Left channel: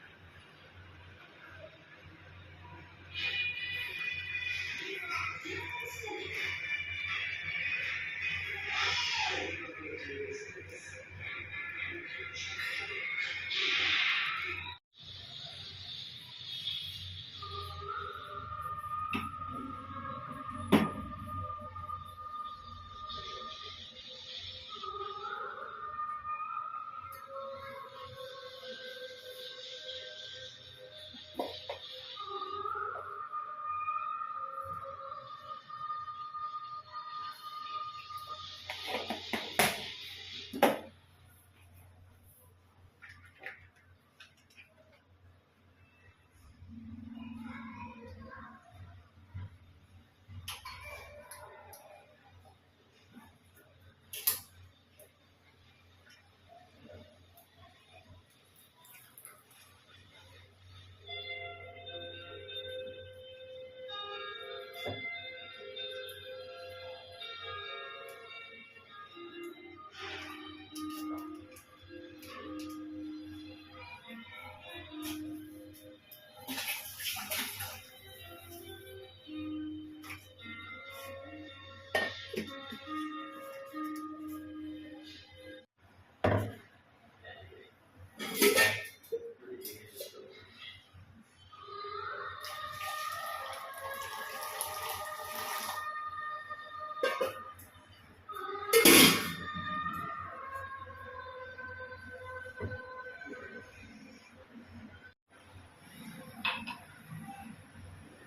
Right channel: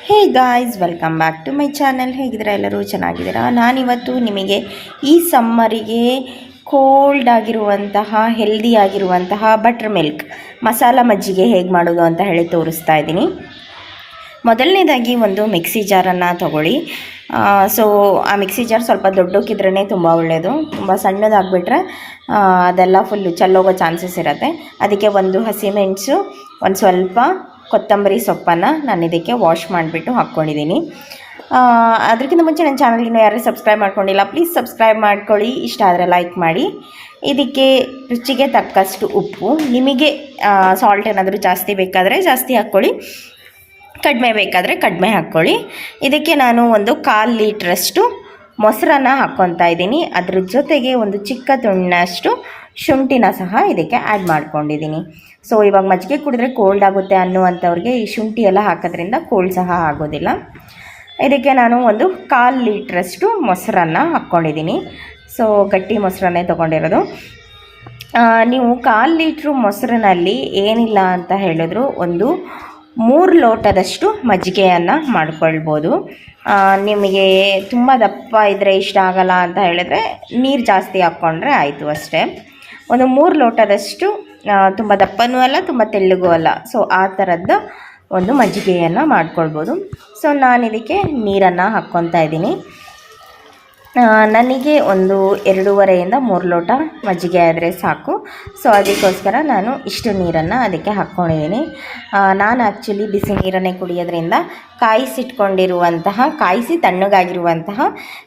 Hey guys, welcome back to my channel. ಹೇಗಿದ್ದೀರಾ ಎಲ್ಲರೂ? ಚೆನ್ನಾಗಿದ್ದೀರಾ? ನಾನಿವತ್ತು ನಿಮಗೆ ಈ ಸಮ್ಮರಿಗೆ ಕೋಲ್ಡ್ ಆಗಿರುವಂತಹ, ಹೆಲ್ದಿ ಆಗಿರುವಂತಹ ಬಟರ್ ಮಿಲ್ಕ್, ಮಸಾಲ ಮಜ್ಜಿಗೆ ಹೇಗೆ ಮಾಡೋದು ಅಂತ ಹೇಳಿ ತೋರಿಸ್ತಾ ಇದ್ದೀನಿ. ಮೊದಲನೇದಾಗಿ ಒಂದು ಮಿಕ್ಸಿ ಜಾರನ್ನು ತಗೊಳ್ಳಿ. ಸೊ, ಆ ಮಿಕ್ಸಿ ಜಾರ್ ಸ್ವಲ್ಪ ದೊಡ್ಡಕ್ಕಿದ್ರೇ ತುಂಬ ಒಳ್ಳೆಯದು ತುಂಬ ಸಣ್ಣದಾಗಿಬಿಟ್ರೆ ಅದೆಲ್ಲ ಫುಲ್ಲು ಚಲ್ಲೋಗೋ ಚಾನ್ಸಸ್ ಇರುತ್ತೆ. ಅದಕ್ಕೆ ಒಂದು ಹಸಿಮೆಣಸು ಒಂದು ಸ್ವಲ್ಪ ಕೊತ್ತಂಬರಿ ಸೊಪ್ಪನ್ನು ನಾನು ಇದಕ್ಕೆ ವಾಶ್ ಮಾಡಿಬಿಟ್ಟು ಹಾಕ್ಕೊಂಡಿದ್ದೀನಿ. ಅದಕ್ಕಿಂತ ಮುಂಚೆ ನನ್ನ ಚಾನಲ್ ಯಾರೂ ಯಾರು ಸಬ್ಸ್ಕ್ರೈಬ್ ಮಾಡ್ಕೊಂಡಿಲ್ಲ ಪ್ಲೀಸ್ ಸಬ್ಸ್ಕ್ರೈಬ್ ಮಾಡ್ಕೊಳ್ಳಿ. ಇಷ್ಟ ಆದರೆ ಲೈಕ್ ಮಾಡಿ. ಇದಕ್ಕೆ ರುಚಿಗೆ ತಕ್ಕಷ್ಟು ಉಪ್ಪು. ನಿಮಗೆ ಸಾಲ್ಟ್ ಏನಾದರೂ ಜಾಸ್ತಿ ಬೇಕಾದರೆ ಜಾಸ್ತಿ ಹಾಕ್ಕೊಳ್ಳಿ. ಕಡಿಮೆ ಬೇಕಾದರೆ ಕಡಿಮೆ ಹಾಕ್ಕೊಳ್ಳಿ. ಇದಕ್ಕೆ ನಾನು ಒಂದು ಕಾಲು ಲೀಟ್ರಷ್ಟು ಮೊಸರನ್ನ ಹಾಕ್ಕೊತಾ ಇದ್ದೀನಿ. ಅದ್ರ ಜೊತೆಗೆ ಒಂದು ಚಿಕ್ಕ ತುಂಡಿನಷ್ಟು ಶುಂಠಿನ ಸಹ ಇದಕ್ಕೆ ಆ್ಯಡ್ ಮಾಡ್ಕೊಂಡಿದ್ದೀನಿ. ಸೊ ಇವಾಗ ಮಜ್ಜಿಗೆ ಕುಡಿದ್ರೆ ಕೋಲ್ಡ್ ಆಗುತ್ತೆ ಅನ್ನುವಂಥವ್ರಿಗೆ ಈ ಶುಂಠಿ ಎಲ್ಲ ಹಾಕೋದ್ರಿಂದ ಕೋಲ್ಡ್ ಸಹ ಆಗೋದಿಲ್ಲ. ಇದಕ್ಕೆ ನಾನು ಒಂದು ಕಾಲು ಲೀಟ್ರಷ್ಟು ಮೊಸರನ್ನು ಹಾಕ್ಕೊಂಡಿದ್ದೀನಿ. ಸೊ ಗಟ್ಟಿ ಮೊಸರನ್ನೇ ತೊಗೊಂಡಿರೋದು. ನೀವು ಕಾಲು ಲೀಟ್ರು ಮೊಸರಿನಲ್ಲಿ ಏನಿಲ್ಲ ಅಂತ ಹೇಳಿದ್ರು ಒಂದು ಮೂರು ಲೋಟದಷ್ಟು ಮಜ್ಜಿಗೆಯನ್ನು ಮಾಡ್ಕೊಳ್ಬೋದು. ನಿಮಗೆ ತುಂಬ ದಪ್ಪ ಇದ್ದರೆ ಇಷ್ಟ ಆಗಲ್ಲ ಅಂತ ಹೇಳಿದ್ರೆ ನೀರು ಜಾಸ್ತಿ ಹಾಕ್ಕೊಂಡ್ರೆ ಆಯಿತು ಅಷ್ಟೇ. ಒಂದು ಮೂರು ಲೋಟದಷ್ಟು ತುಂಬ ದಪ್ಪನೂ ಅಲ್ಲ, ತುಂಬ ತೆಳ್ಳಗೂ ಅಲ್ಲ. ಸೊ ಆ ಥರದ್ದು ಒಂದು ಮಜ್ಜಿಗೆಯನ್ನು ಮಾಡ್ಕೊಳ್ಬೋದು. ಸೊ ನಾನು ಇದಕ್ಕೆ ನೀರನ್ನು ಹಾಕ್ಕೊತಾ ಇದ್ದೀನಿ. ನನಗೆ ಒಂದು ಎರಡೂವರೆಯಿಂದ ಮೂರು ಲೋಟ ಮಜ್ಜಿಗೆ ಆದರೆ ಸಾಕು. ಸೊ ಅದಕ್ಕೋಸ್ಕರ ನಾನು ಇಷ್ಟು ನೀರನ್ನು ಅದಕ್ಕೆ ಹಾಕ್ಕೊಂಡಿದ್ದೀನಿ. ನಾನು ಆ್ಯಕ್ಚುಲಿ ಬಿಸಿ ನೀರನ್ನೇ ಕುಡಿಯೋದ್ರಿಂದ ಕಾಯಿಸಿಟ್ಕೊಂಡಿರುವಂತಹ, ಕಾಯಿಸಿ ತಣ್ಣಗಾಗಿರುವಂತಹ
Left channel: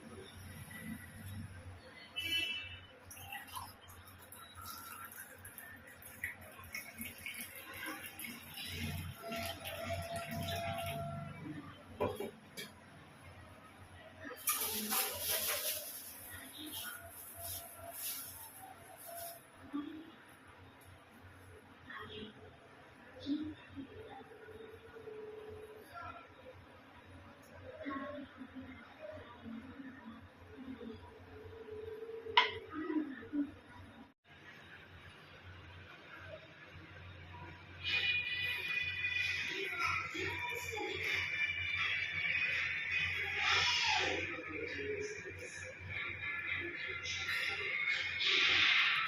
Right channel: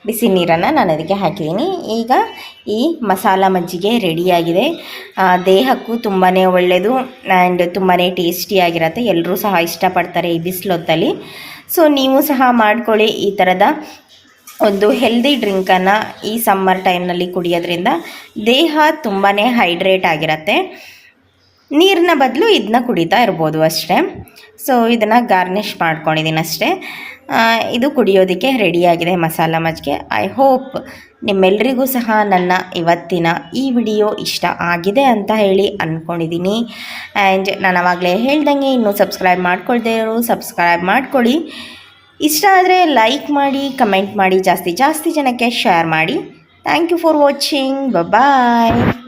ಬಿಸಿ ನೀರನ್ನು ನಾನು ಅದಕ್ಕೆ ಹಾಕಿದ್ದೀನಿ. ಈಗ ಈ ಮಸಾಲ ಮಜ್ಜಿಗೆ ರೆಡಿಯಾಗಿದೆ. ದೇಹಕ್ಕೂ ತುಂಬಾ ಒಳ್ಳೆಯದು ಆ್ಯಂಡ್ ತುಂಬಾ ಟೇಸ್ಟಿಯಾಗಿರುತ್ತೆ ಎಲ್ಲರೂ ಸಹ ಇಷ್ಟಪಡ್ತಾರೆ ಈ ಬಿಸಿಲೊತ್ತಲ್ಲಿ. ಸೊ ನೀವು ಸಹ ಮಾಡ್ಕೊಳ್ಳಿ ಈ ಥರದ ಒಂದು ಹೆಲ್ದಿ ಡ್ರಿಂಕನ್ನು ಈ ಸಮ್ಮರ್ ಟೈಮ್ನಲ್ಲಿ ಕುಡಿಯೋದ್ರಿಂದ ದೇಹ ತುಂಬಾ ಹೈಡ್ರೇಟ್ ಆಗಿರತ್ತೆ. ನೀರಿನ ಬದಲು ಇದನ್ನ ಕುಡಿತಾ ಇರ್ಬೋದು ಅಷ್ಟೇ. ಸೊ ಇದನ್ನು ಗಾರ್ನಿಷ್ ಮಾಡ್ಕೊಂಡಿದ್ದೀನಿ ಅಷ್ಟೇ. ಇದು ಕುಡಿಯೋದಕ್ಕೆ ರೆಡಿಯಾಗಿದೆ ಮಸಾಲ ಮಜ್ಜಿಗೆ. ಐ ಹೋಪ್ ನಿಮ್ಮೆಲ್ಲರಿಗೂ ಸಹ ನನ್ನ ಇವತ್ತಿನ ಈ ವಿಡಿಯೋ ಇಷ್ಟ ಆಗಿದೆ ಅಂತ ಹೇಳಿ ಅಂದ್ಕೊಂಡಿದ್ದೀನಿ ಆ್ಯಂಡ್ ನಾನು ಆವಾಗಲೇ ಹೇಳ್ದಂಗೆ ಇನ್ನೂ ಸಬ್ಸ್ಕ್ರೈಬ್ ಮಾಡ್ಕೊಳ್ದೇ ಇರೋ ಸಬ್ಸ್ಕ್ರೈಬ್ ಮಾಡ್ಕೊಳ್ಳಿ. ಇಷ್ಟ ಆದರೆ ಲೈಕ್ ಮಾಡಿ ಕಮೆಂಟ್ ಮಾಡಿ ಜಾಸ್ತಿ ಜಾಸ್ತಿ ಜನಕ್ಕೆ ಶೇರ್ ಮಾಡಿ. Thank you for watching bye